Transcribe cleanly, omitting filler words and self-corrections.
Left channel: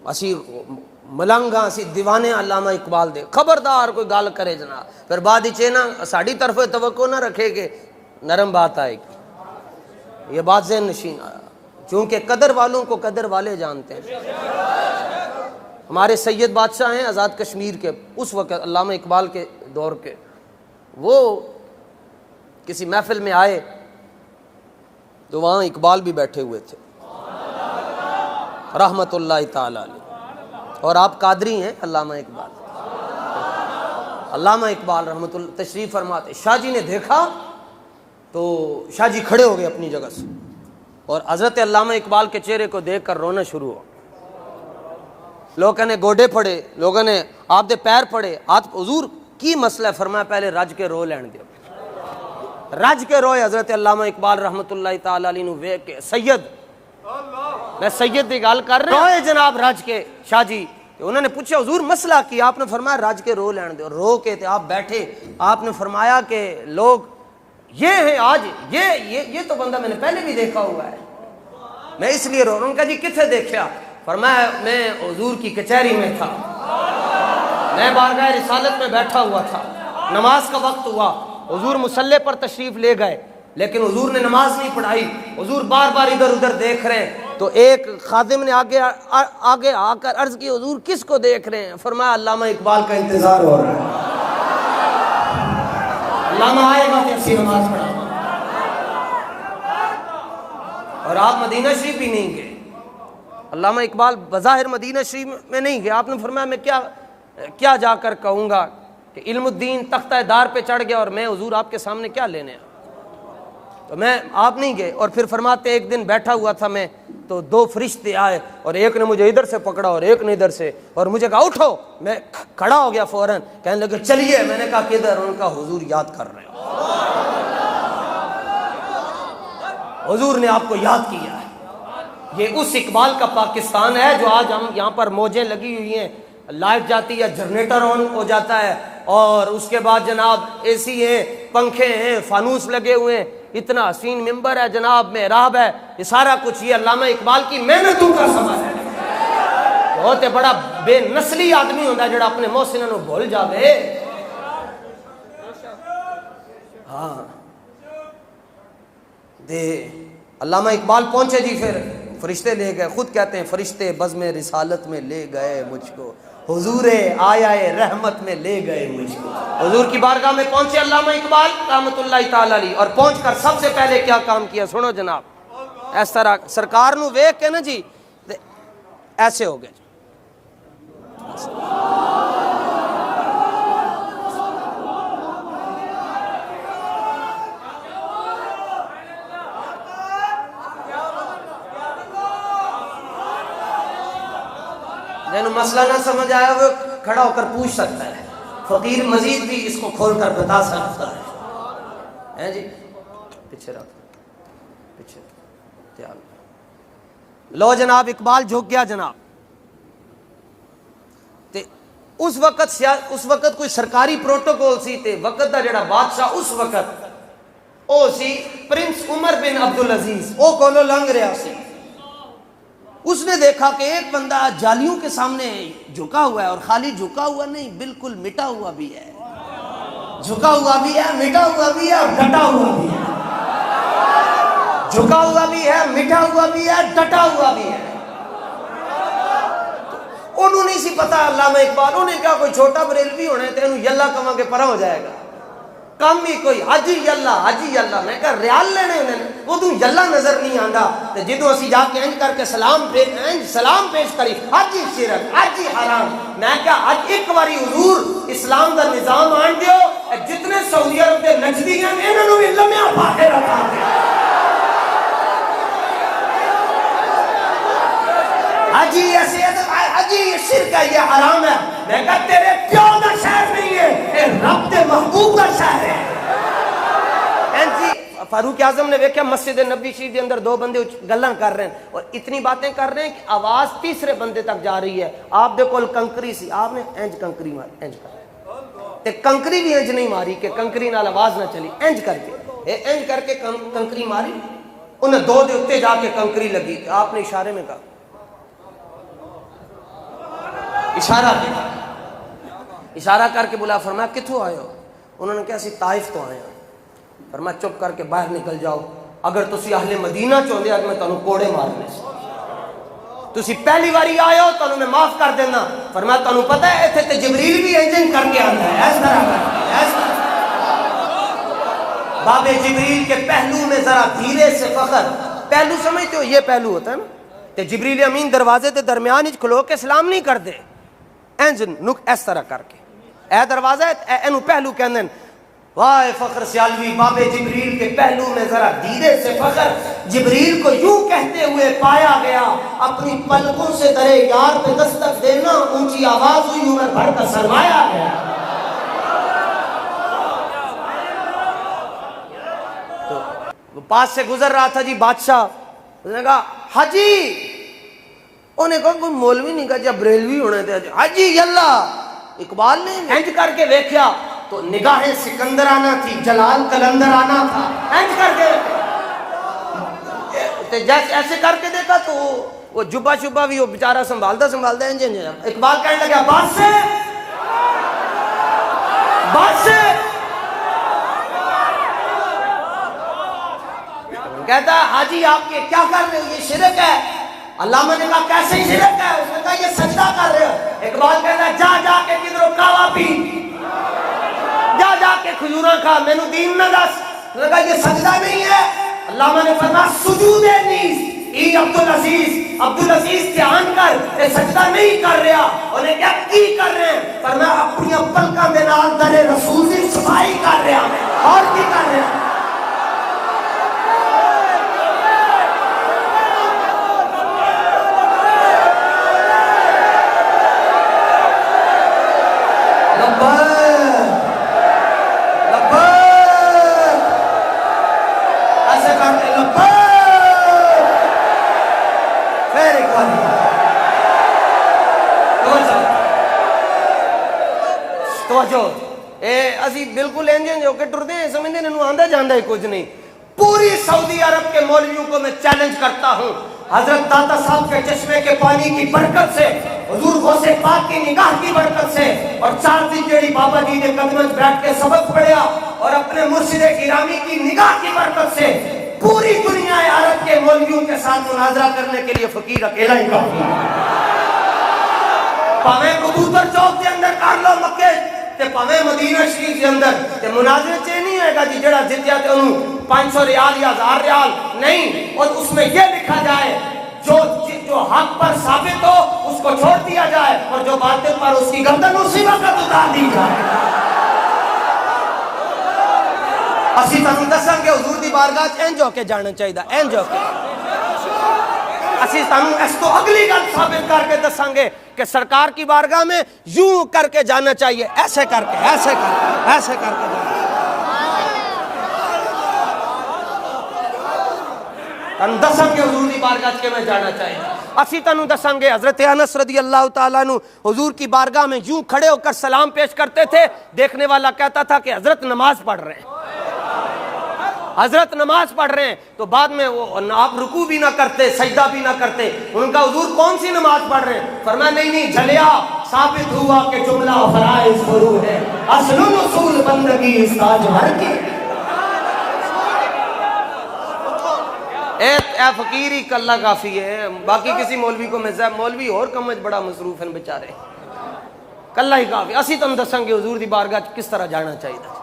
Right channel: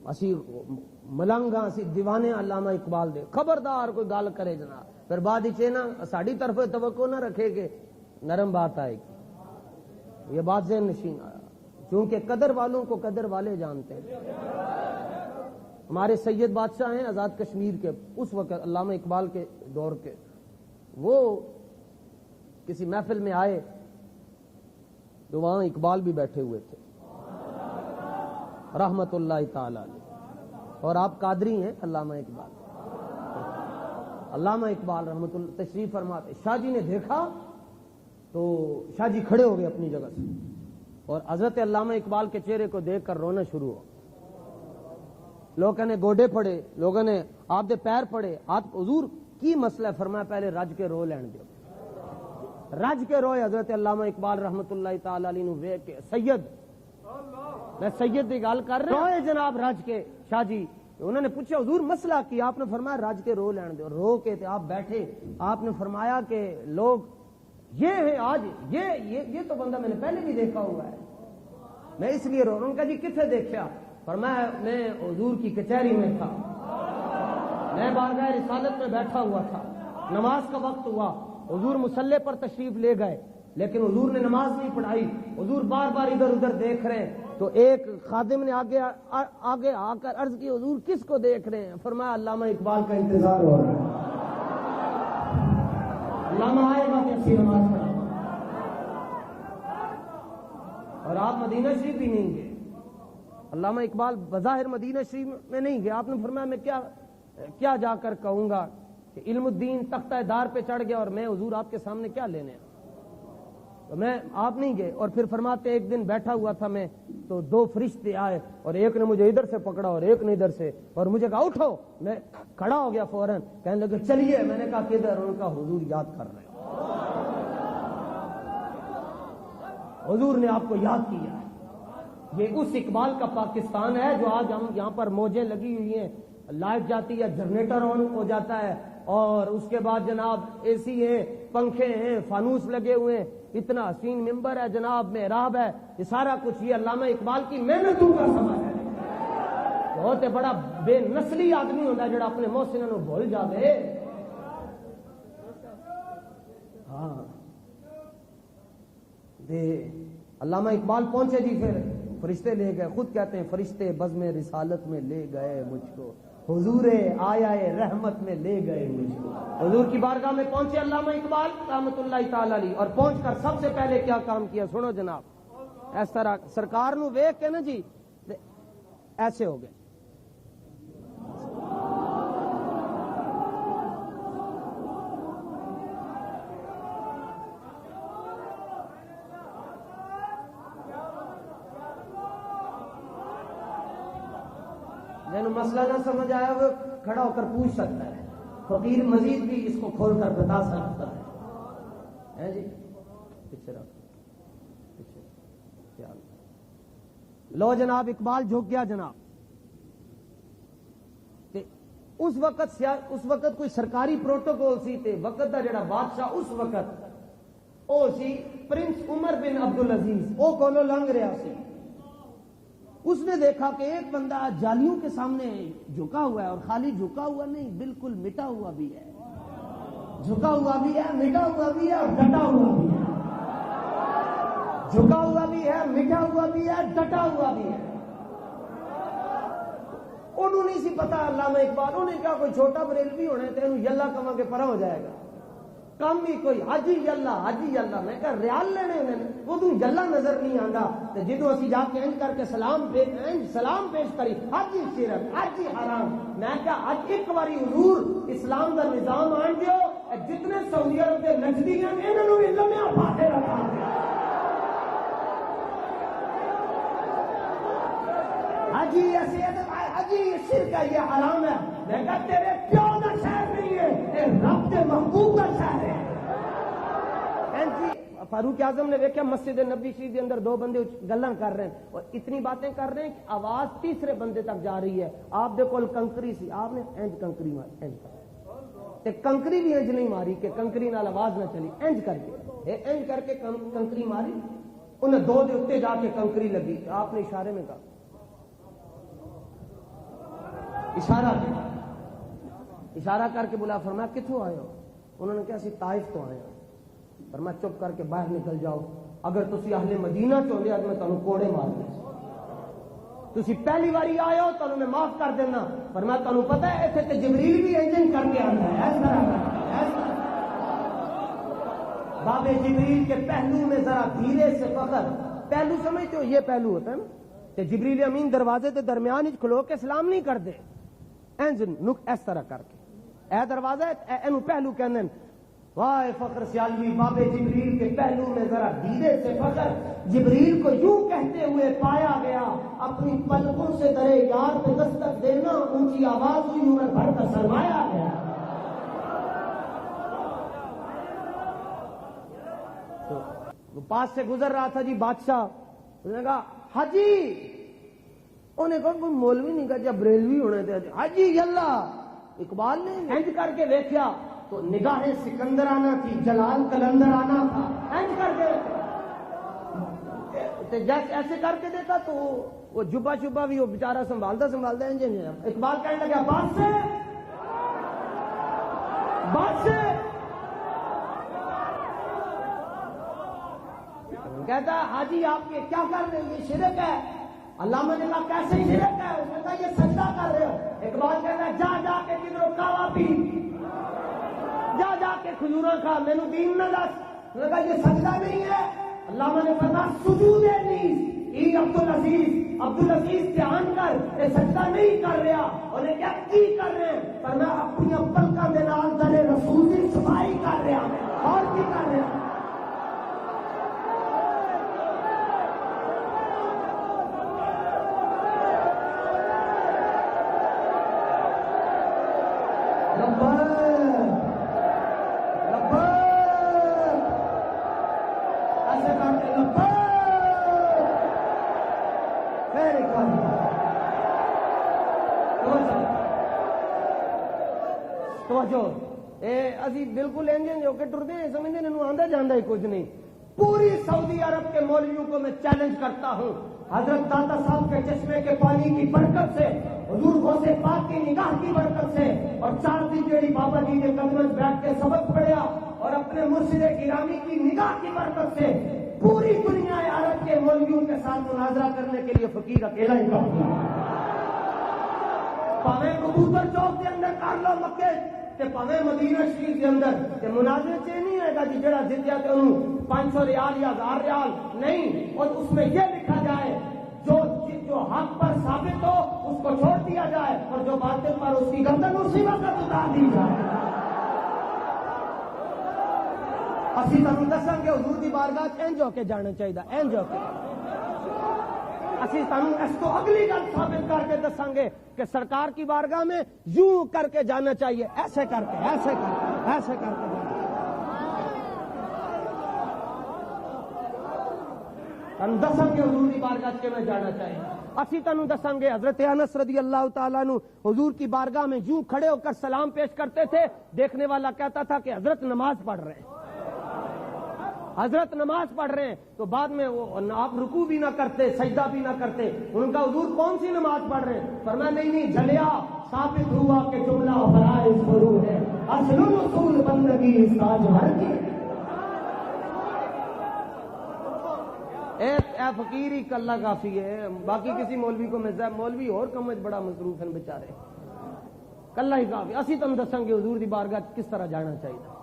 اسی ملنگاں اسی دیوانے علامہ اقبال دے، خبردار کوئی گل کرے جناب پھر بعد نا ساڑی طرف توقع نہ رکھے کہ نرم بات آئے گی، یہ بات ذہن نشین آیا، چونکہ قدر والوں کو قدر والے جانتے ہیں۔ ہمارے سید بادشاہ ہیں آزاد کشمیر کے، اس وقت علامہ اقبال کے دور کے، وہ کسی محفل میں آئے تو وہاں اقبال بھی بیٹھے ہوئے تھے رحمت اللہ تعالی علیہ، اور آپ قادری ہیں علامہ اقبال، علامہ اقبال رحمت اللہ تشریف فرماتے، شاہ جی نے دیکھا تو شاہ جی کھڑے ہو گئے اپنی جگہ سے، اور حضرت علامہ اقبال کے چہرے کو دیکھ کر رونا شروع ہو، لوگوں نے گوڈے پھڑے، لوگوں نے آپ دے پیر پھڑے، ہاتھ، حضور کی مسئلہ ہے؟ فرمایا پہلے رج کے رو لین دیو، رج کے روئے حضرت علامہ اقبال رحمت اللہ تعالی علیہ نو ویکھ کے، سید میں سید دی گل کر رہا روئے جناب رج کے شاہ جی، انہوں نے پوچھا حضور مسئلہ کی؟ آپ نے فرمایا رج کے رو لین دیو، رو کے تھے آپ بیٹھے، آپ نے فرمایا کہ لوگ یہ ہیں آج، یہ تو بندہ میں نے پہلے بھی دیکھا ہوا ہے، میں اس لیے رو رہا ہوں۔ کہا جی کتنے دیکھا؟ فرمایا میں حضور کی کچہری میں تھا، میں بارگاہ رسالت میں بیٹھا ہوا تھا، نماز کا وقت ہوا، حضور مصلی پر تشریف لے گئے لیکن حضور نے نماز نہیں پڑھائی، حضور بار بار ادھر ادھر دیکھ رہے ہیں، تو ایک خادم نے آگے آ کر عرض کی حضور کس کو دیکھ رہے ہیں؟ فرمایا علامہ اقبال کا انتظار ہو رہا ہے، علامہ آئے گا کہ اسی نماز پڑھا، اور آپ مدینہ شریف بھی نہیں گئے، علامہ اقبال بظاہر مدینہ شریف میں نہیں گئے، آپ نے فرمایا میں کیا جا کر کہوں گا کہ علم الدین تختہ دار پہ چڑھ گیا اور میں حضور آپ کے سامنے کیا لینے آیا، تو میں آپ نہیں گئے۔ اور پھر فرماتے ایک دن بیٹھا ہوا تھا میں تو دو فرشتے آئے اور ایک نے مجھے ادھر سے پکڑا اور ایک نے ادھر سے، اور مجھے کہا اٹھو، میں کھڑا ہو گیا فوراً، کہنے لگے چلیے، میں نے کہا کدھر؟ ان کا حضور یاد کر رہے ہو، حضور نے آپ کو یاد کیا ہے۔ یہ اس اقبال کا پاکستان ہے جو آج ہم یہاں پر موجیں لگی ہوئی ہیں، لائٹ جاتی ہے، جنریٹر آن ہو جاتا ہے، اور اس کے بعد جناب اے سی ہیں، پنکھے ہیں، فانوس لگے ہوئے ہیں، اتنا حسین ممبر ہے جناب، محراب ہے، یہ سارا کچھ یہ علامہ اقبال کی محنتوں کا ثمر ہے۔ بہت بڑا بے نسلی آدمی ہوتا ہے جڑا اپنے محسنوں کو بھول جاوے۔ ہاں دے علامہ اقبال پہنچے جی، پھر فرشتے لے گئے، خود کہتے ہیں فرشتے بزم رسالت میں لے گئے مجھ کو، حضور آیا رحمت میں لے گئے مجھ کو۔ حضور کی بارگاہ میں پہنچے علامہ اقبال رحمت اللہ تعالی علیہ، اور پہنچ کر سب سے پہلے کیا کام کیا سنو جناب، اس طرح سرکار نو ویکھ کے نا جی ایسے ہو گئے، جنہوں مسئلہ نہ سمجھ آیا وہ کھڑا ہو کر پوچھ سکتا ہے، فقیر مزید بھی اس کو کھول کر بتا سکتا ہے جی۔ پیچھے رکھ، پیچھے تیار لو جناب، اقبال جھک گیا جناب۔ تے اس وقت کوئی سرکاری پروٹوکول سی، تے وقت دا جڑا بادشاہ اس وقت او سی پرنس عمر بن عبدالعزیز، او کولو لنگ رہا سی، اس نے دیکھا کہ ایک بندہ جالیوں کے سامنے جھکا ہوا ہے، اور خالی جھکا ہوا نہیں، بالکل مٹا ہوا بھی ہے، جھکا ہوا بھی ہے، مٹا ہوا بھی ہے، اور ڈٹا ہوا بھی ہے، جھکا ہوا بھی ہے، مٹا ہوا بھی ہے، ڈٹا ہوا بھی ہے۔ انہوں نہیں سی پتا علامہ اقبال، انہیں کیا کوئی چھوٹا بریلوی ہونا ہے تو انہوں یلا کہاں کے پرا ہو جائے گا، کم ہی کوئی حجی یلا حجی یلا، میں کہا ریال لینے انہیں وہ تو یلا نظر نہیں آندا، تو جدو اسی جا کے انج کر کے سلام پیش کری، حجی شرک حجی حرام، میں کہا حج ایک باری حضور اسلام دا نظام آن دیو، جتنے سعودی عرب دے نجدی ہیں انہوں بھی لمحہ باہر رکھا دیا، حجی ایسے حجی یہ شرک ہے، یہ حرام ہے، میں کہا تیرے پیو دا شہر نہیں ہے، اے رب دے محبوب دا شہر ہے۔ فاروق اعظم نے دیکھا مسجد نبی شریف کے اندر دو بندے گلاں کر رہے ہیں اور اتنی باتیں کر رہے ہیں کہ آواز تیسرے بندے تک جا رہی ہے، آپ دے کول کنکری سی، آپ نے انج کنکری ماری، انج کر تے کنکری بھی انج نہیں ماری کہ کنکری نال آواز نہ چلی، انج کر کے کنکری ماری، انہیں دو دے اتے جا کے کنکری لگی، آپ نے اشارے میں کہا اشارہ کیا، اشارہ کر کے بلا، فرمایا کتوں آئے ہو؟ انہوں نے کہا اسی طائف تو آئے ہیں۔ فرمایا چپ کر کے باہر نکل جاؤ، اگر تسی اہل مدینہ چاہتے اج میں تانوں کوڑے مارنے سے، تسی پہلی باری آئے ہو تانوں میں معاف کر دینا۔ فرمایا تانوں پتہ ہے ایتھے تے جبریل بھی انجن کر کے آتا ہے، اس طرح کر کے باب جبریل کے پہلو میں ذرا دھیرے سے فخر، پہلو سمجھتے ہو یہ پہلو ہوتا ہے نا، تے جبریل امین دروازے تے درمیان ہی کھلو کے سلام نہیں کر دے، انجن نک اس طرح کر کے اے دروازہ اینو پہلو کہندے، واہ فخر سیالوی باب جبریل کے پہلو میں ذرا دھیرے سے فخر، جبریل کو یوں کہتے ہوئے پایا گیا، اپنی پلکوں سے درے یار پہ دستک دینا، اونچی آواز ہوئی عمر بھر کا سرمایا گیا۔ تو وہ پاس سے گزر رہا تھا جی بادشاہ، اس نے کہا حاجی، انہیں کہا کوئی مولوی نہیں کہا جب بریلوی ہونے تھے، حاجی یلا، اقبال نے ہینج کر کے دیکھیا تو نگاہیں سکندرانہ تھی، جلال کلندرانہ تھا، ہینج کر کے جیسے ایسے کر کے دیکھا تو وہ جبہ شبہ بھی وہ بیچارہ سنبھالتا انج اقبال کہنے لگا بات سے کہتا ہے حاجی آپ کے کیا کر رہے ہو، یہ شرک ہے۔ علامہ نے کہا کیسے شرک ہے؟ اس نے کہا یہ سجدہ کر رہے ہو۔ اقبال کہتا ہے جا کے کدھروں کعوہ پی، جا کے کھجوراں کھا، میں نو دین نہ دس۔ اس نے کہا یہ سجدہ نہیں ہے۔ علامہ نے فرمایا سجود نیز ای عبدالعزیز دھیان کر، یہ سجدہ نہیں کر رہا۔ انہیں کیا کی کر رہے ہیں؟ فرمایا اپنی پلکاں دے نال در رسول دی صفائی کر رہا ہے، اور کی کر رہا ہے؟ اسی بالکل انجن جو کہ ٹرتے ہیں، سمجھتے ہیں انہوں آندہ جاندہ ہی کچھ نہیں۔ پوری سعودی عرب کے مولویوں کو میں چیلنج کرتا ہوں، حضرت داتا صاحب کے چشمے کے پانی کی برکت سے، حضور غوث پاک کی نگاہ کی برکت سے، اور 4 دن جیڑی بابا جی نے قدمت بیٹھ کے سبق پڑھیا، اور اپنے مرشد گرامی کی نگاہ کی برکت سے پوری دنیا عرب کے مولویوں کے ساتھ مناظرہ کرنے کے لیے فقیر اکیلا ہی کافی ہے۔ پاویں کبوتر چوک کے اندر کر لو مکے تے پاویں مدینہ شریف کے اندر، تے مناظرے چے نہیں ہوئے گا جی جڑا جتیا تے انہوں 500 ریال یا 1000 ریال نہیں، اور اس میں یہ لکھا جائے جو حق پر ثابت ہو اس کو چھوڑ دیا جائے، اور جو باطل پر اس کی گردن اسی وقت اتار دی جائے۔ اسی تانوں دساں کہ حضور دی بارگاہ انج ہو کے جانا چاہیے، انج ہو کے۔ اسی تانوں اس تو اگلی گل ثابت کر کے دساں گے کہ سرکار کی بارگاہ میں یوں کر کے جانا چاہیے، ایسے کر کے جانا۔ تانوں دساں گے حضور دی بارگاہ کے میں جانا چاہیے۔ اسی تانوں دساں گے حضرت انس رضی اللہ تعالیٰ عنہ حضور کی بارگاہ میں یوں کھڑے ہو کر سلام پیش کرتے تھے، دیکھنے والا کہتا تھا کہ حضرت نماز پڑھ رہے ہیں، حضرت نماز پڑھ رہے ہیں۔ تو بعد میں وہ آپ رکوع بھی نہ کرتے، سجدہ بھی نہ کرتے۔ ان کا حضور کون سی نماز پڑھ رہے ہیں؟ فرمایا نہیں جھلیا، ثابت ہوا کہ جملہ فرائض فرو ہے، اصل اصول بندگی اس تاج بھر کی۔ اے فقیر ہی کلہ کافی ہے، باقی کسی مولوی کو میں مولوی اور کمج بڑا مصروف ہیں بیچارے، کلہ ہی کافی۔ اسی تم دساں گے حضور دی بارگاہ کس طرح جانا چاہیے۔